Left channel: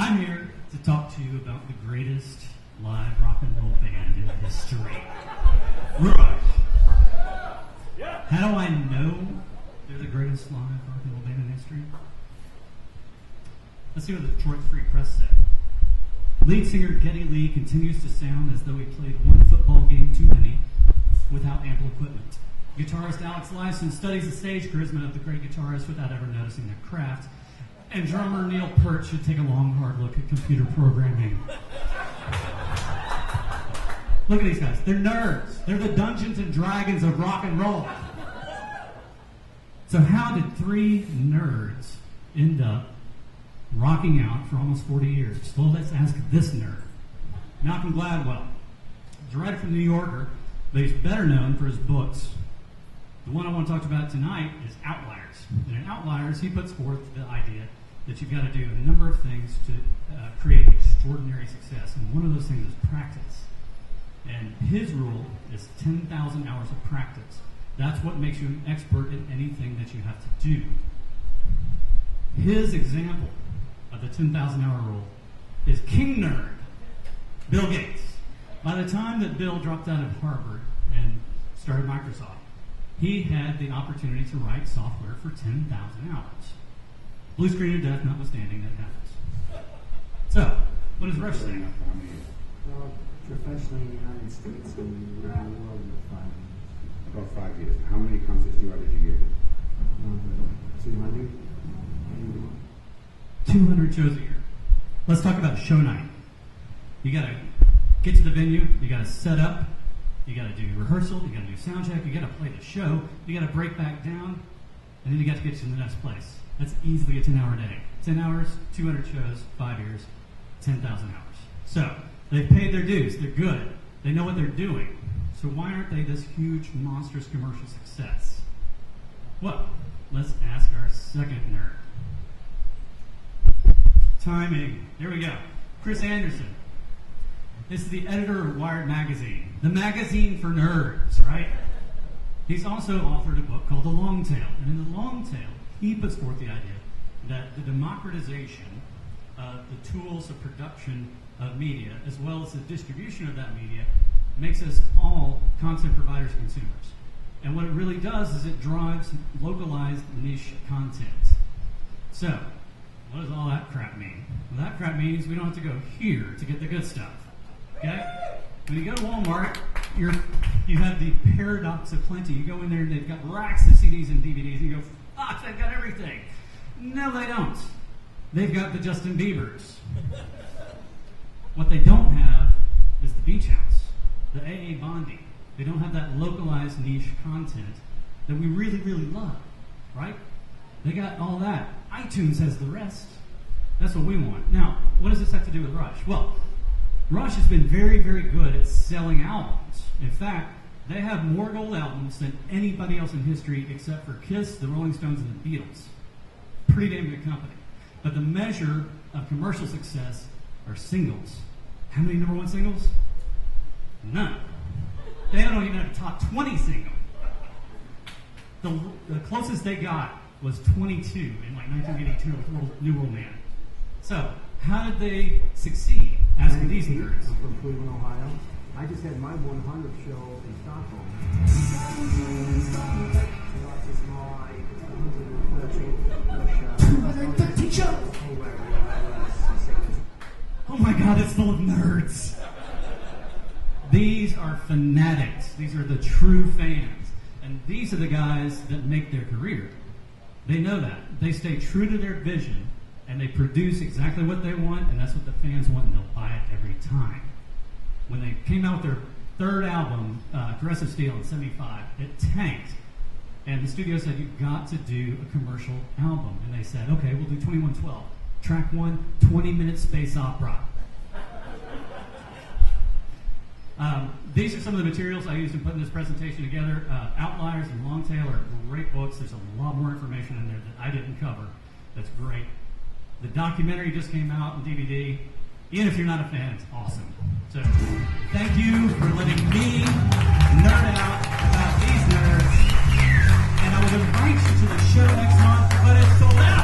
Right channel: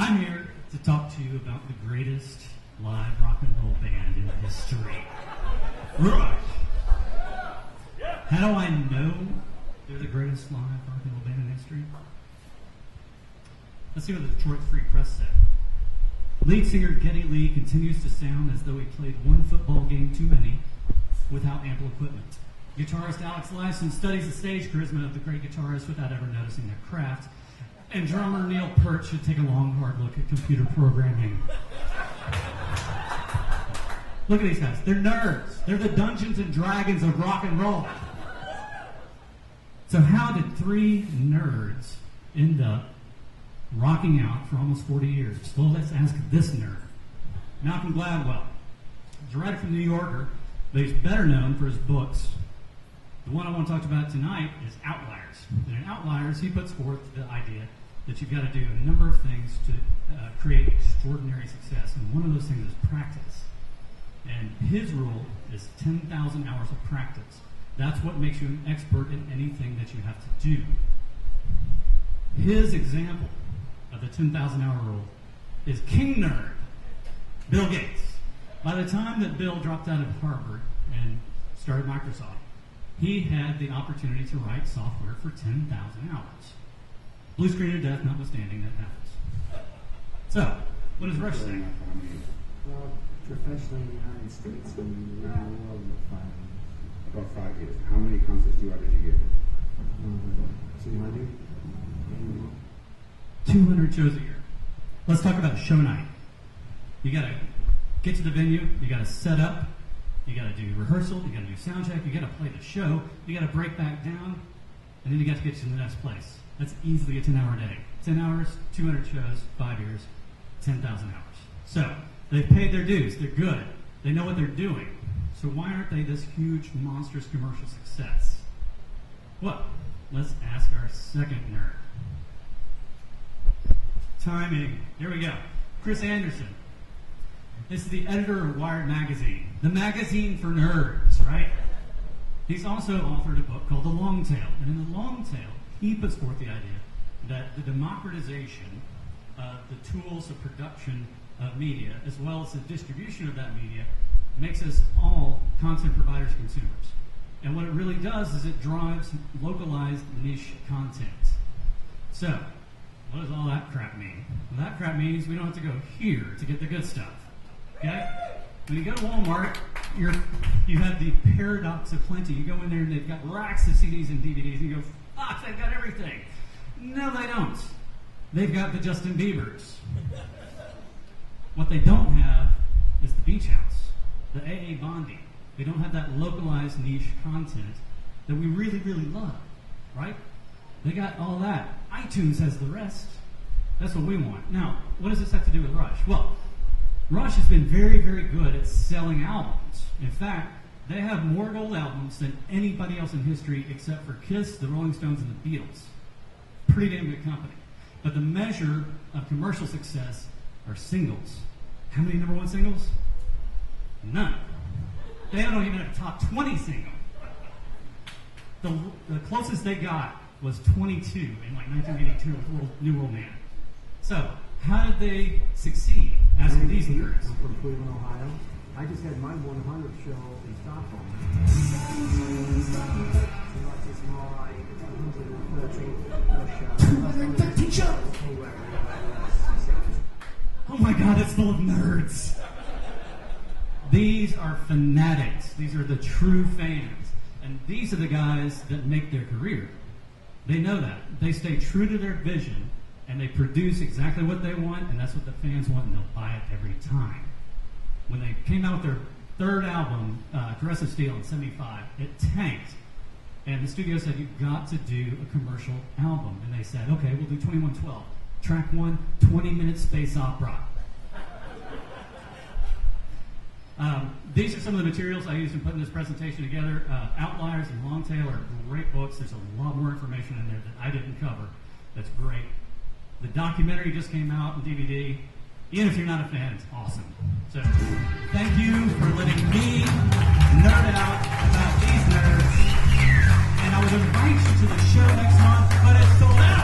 I'm here to talk to you about the greatest live rock and roll band in history. Rush! How do I know they're the greatest live rock and roll band in history? Let's see what the Detroit Free Press said. Lead singer Geddy Lee continues to sound as though he played one football game too many without ample equipment. Guitarist Alex Lifeson studies the stage charisma of the great guitarist without ever noticing their craft. And drummer Neil Peart should take a long, hard look at computer programming. Look at these guys. They're nerds. They're the Dungeons and Dragons of rock and roll. So how did three nerds end up rocking out for almost 40 years? Well, let's ask this nerd. Malcolm Gladwell. He's a writer from The New Yorker, but he's better known for his books. The one I want to talk about tonight is Outliers. And in Outliers, he puts forth the idea that you've got to do a number of things to create extraordinary success. And one of those things is practice. And his rule is 10,000 hours of practice. That's what makes you an expert in anything that you have to do. His example of the 10,000 hour rule is King Nerd, Bill Gates. By the time that Bill dropped out of Harvard and started Microsoft, he had the opportunity to write software for 10,000 hours. Blue screen of death notwithstanding, that happens. So, what does Rush say? Well, professionally in the United States and around the world in 5 years. About 5 years. How many concerts do you average a year? 200. 200 shows a year. Let's talk about show night. You got to get to the venue, you got to set up, you got to do rehearsal, you got to do sound check, you got to play the show, you got to break back down, and then you got to get to the next place. That's easily a 10-hour day. 10 hours, 200 shows, 5 years, 10,000 hours. So, they've paid their dues. They're good. They know what they're doing. So why aren't they this huge, monstrous commercial success? Well, let's ask our second nerd. Timing. Here we go. Chris Anderson. This is the editor of Wired Magazine, the magazine for nerds, right? He's also authored a book called The Long Tail. And in The Long Tail, he puts forth the idea that the democratization of the tools of production of media, as well as the distribution of that media, makes us all content providers, consumers. And what it really does is it drives localized niche content. So, what does all that crap mean? Well, that crap means we don't have to go here to get the good stuff. Okay? When you go to Walmart, you have the paradox of plenty. You go in there and they've got racks of CDs and DVDs, and you go, fuck, they've got everything. No, they don't. They've got the Justin Biebers. What they don't have is the Beach House, the A.A. Bondi. They don't have that localized niche content that we really, really love, right? They got all that. iTunes has the rest. That's what we want. Now, what does this have to do with Rush? Well, Rush has been very, very good at selling albums. In fact, they have more gold albums than anybody else in history except for Kiss, the Rolling Stones, and the Beatles. Pretty damn good company. But the measure of commercial success are singles. How many number one singles? None. They don't even have a top 20 single. The closest they got was 22 in like 1982 with New World Man. So, how did they succeed? Asking these nerds. I'm from Cleveland, Ohio. I just had my 100th show in Stockholm. Lots of small, 213 shows! Oh my God, it's full of nerds. These are fanatics. These are the true fans. And these are the guys that make their career. They know that. They stay true to their vision, and they produce exactly what they want, and that's what the fans want, and they'll buy it every time. When they came out with their third album, Aggressive Steel, in '75, it tanked. And the studio said, you've got to do a commercial album. And they said, okay, we'll do 2112. Track 1, 20-minute space opera. These are some of the materials I used in putting this presentation together. Outliers and Long Tail are great books. There's a lot more information in there that I didn't cover. That's great. The documentary just came out on DVD. Even if you're not a fan, it's awesome. So, thank you for letting me nerd out about these nerds. And I would invite you to the show next month, but it's sold out.